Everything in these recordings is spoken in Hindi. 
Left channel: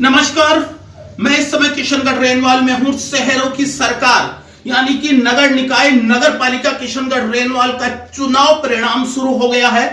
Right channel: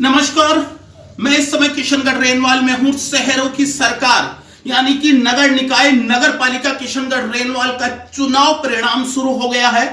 नमस्कार, मैं इस समय किशनगढ़ रेनवाल में हूं। शहरों की सरकार यानी कि नगर निकाय नगर पालिका किशनगढ़ रेनवाल का चुनाव परिणाम शुरू हो गया है।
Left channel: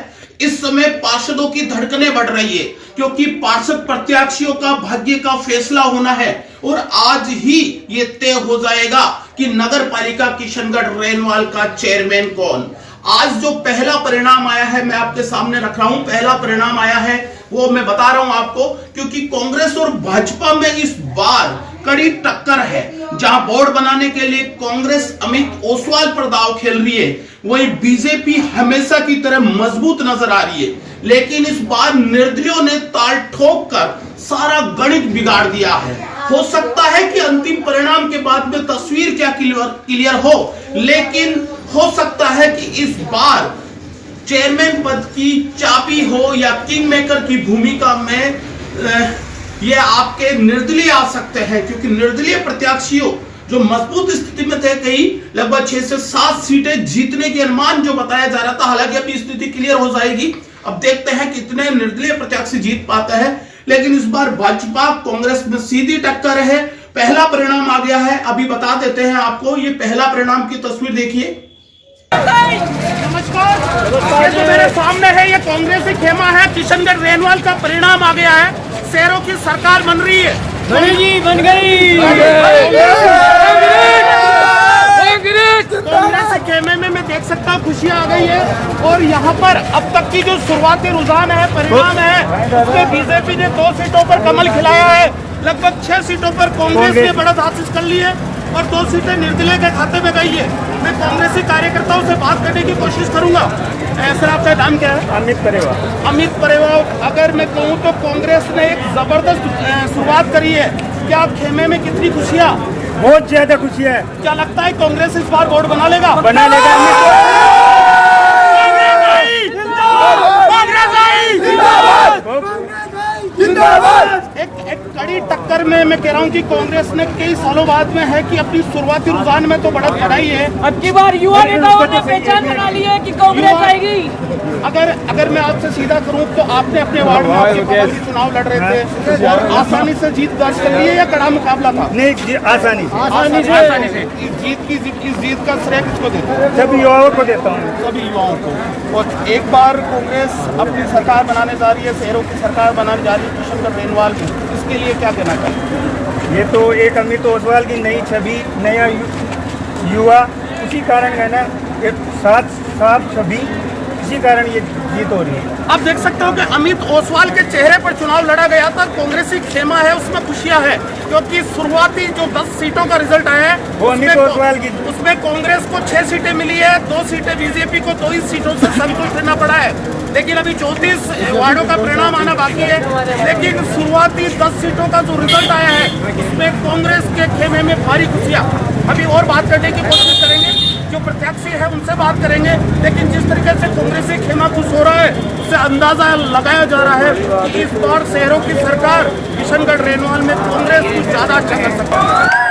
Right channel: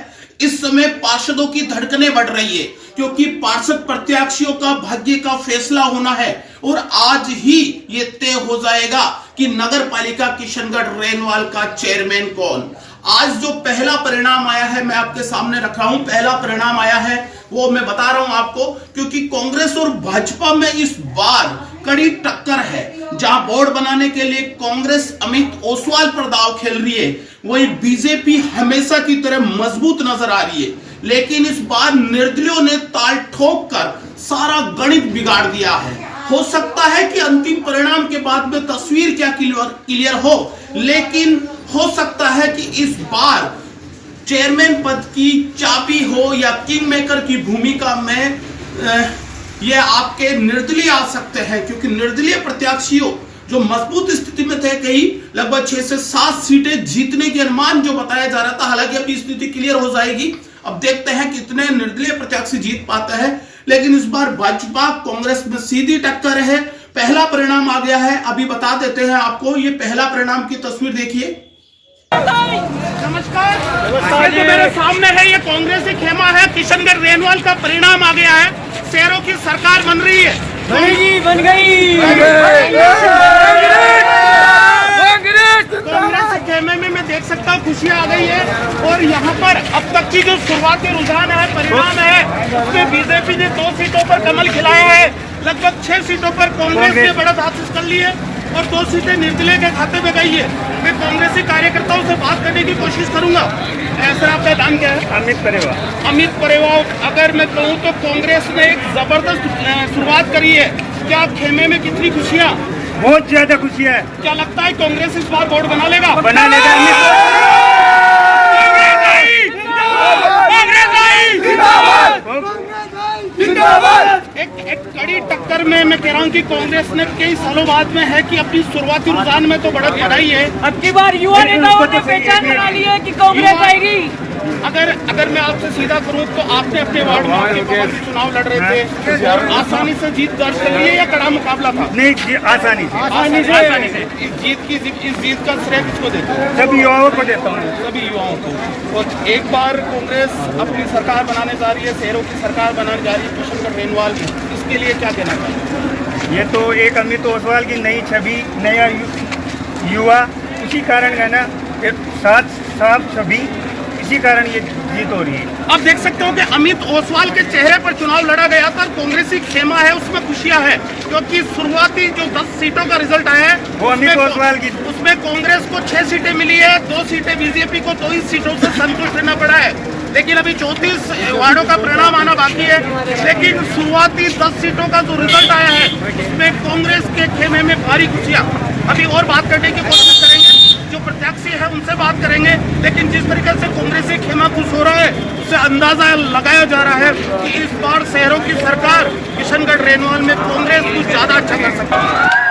इस समय पार्षदों की धड़कनें बढ़ रही है क्योंकि पार्षद प्रत्याशियों का भाग्य का फैसला होना है और आज ही ये तय हो जाएगा कि नगर पालिका किशनगढ़ रेनवाल का चेयरमैन कौन। आज जो पहला परिणाम आया है मैं आपके सामने रख रहा हूं। पहला परिणाम आया है वो मैं बता रहा हूं आपको क्योंकि कांग्रेस और भाजपा में इस बार कड़ी टक्कर है। जहां बोर्ड बनाने के लिए कांग्रेस अमित ओसवाल पर दांव खेल रही है, वही बीजेपी हमेशा की तरह मजबूत नजर आ रही है। लेकिन इस बार निर्दलियों ने ताल ठोक कर सारा गणित बिगाड़ दिया है। हो सकता है कि अंतिम परिणाम के बाद में तस्वीर क्या क्लियर हो, लेकिन हो सकता है कि इस बार चेयरमैन पद की चाबी हो या किंग मेकर की भूमिका में ये आपके निर्दलीय आ सकते हैं क्योंकि निर्दलीय प्रत्याशियों जो मजबूत स्थिति में थे, कई लगभग 6 से 7 सीटें जीतने के अनुमान जो बताया जा रहा था। हालांकि अभी स्थिति क्लियर हो जाएगी। अब देखते हैं कितने निर्दलीय प्रत्याशी जीत पाते हैं। लेकिन इस बार भाजपा कांग्रेस में सीधी टक्कर है। पहला परिणाम आ गया है, अभी बता देते हैं आपको। ये पहला परिणाम की तस्वीर देखिए। नमस्कार जी, मेरे सामने है ये कांग्रेस की खेमा है। किशनगढ़ रेनवाल का परिणाम आ गया है। शेरों की सरकार बन रही है। बन गई। कांग्रेस के खेमे में मैं देख सकता हूँ खुशियाँ आ गई है। और यहाँ पर अब तक की जो शुरुआती रुझान है, परिणाम है, उसमें बीजेपी ने 2 सीटों पर कमल खिलाया है। लगभग 6 सीटों पर कांग्रेस ने बढ़त हासिल कर ली है और 2 सीटें निर्दलीय के खाते में गई है। मैं कांग्रेसी कार्यकर्ताओं से बात करने की कोशिश करूंगा। सर, आपका नाम क्या है? अमित परेवा। अमित परेवा, अगर मैं कहूँ तो कांग्रेस ने एक जबरदस्त शुरुआत करी है। क्या आप खेमे में कितनी खुशियाँ? बहुत ज्यादा खुशी है। क्या लगता है कांग्रेस इस बार बोर्ड बना लेगा? बना लेगा। एक कड़ी टक्कर में मैं कह रहा हूँ कि कांग्रेस ने कई सालों बाद में है कि अपनी शुरुआती रुझान में तो बढ़त बढ़ाई है। अब की बार युवा नेताओं ने पहचान बना ली है कि कांग्रेस आएगी। अगर मैं आपसे सीधा करूं तो आपने अपने वार्ड में आपके पापा से चुनाव लड़ रहे थे और आसानी से जीत दर्ज कर ली है या कड़ा मुकाबला था? नहीं, आसानी से। इस जीत का श्रेय किसको देते हैं? सभी युवाओं को देता हूँ। सभी युवाओं को। और एक बार कांग्रेस अपनी सरकार बनाने जा रही है, शहरों की सरकार बनाने जा रही है किशनगढ़ रेनवाल में, इसके लिए क्या कहना चाहिए? ये तो एक अमित ओसवाल की नई छवि, नया युवा, उसी कारण है ना, साथ सभी इसी कारण ये जीत हो रही है। आप देख सकते हो कि अमित ओसवाल के चेहरे पर चुनाव लड़ा गया था। कांग्रेसी खेमा है, उसमें खुशियां है क्योंकि शुरुआती जो 10 सीटों का रिजल्ट आया है वो अमित ओसवाल की, उसमें कांग्रेस को 6 सीटें मिली है, 2 सीटें बीजेपी को, 2 ही सीटों से संतुष्ट रहना पड़ा है। लेकिन अभी 34 वार्डों का परिणाम आना बाकी है। लेकिन शुरुआती 10 सीटों का जो रिजल्ट आया है उसमें कांग्रेस के खेमे में भारी खुशियां। अभी और बात करने की कोशिश करेंगे, जो प्रत्याशी है उनसे बात करेंगे। लेकिन जिस तरीके से कांग्रेसी खेमा खुश हो रहा है उससे अंदाजा लगाया जा रहा है कि इस बार शहरों की सरकार किशनगढ़ रेनवाल में कांग्रेस कुछ ज्यादा अच्छा कर सकती है।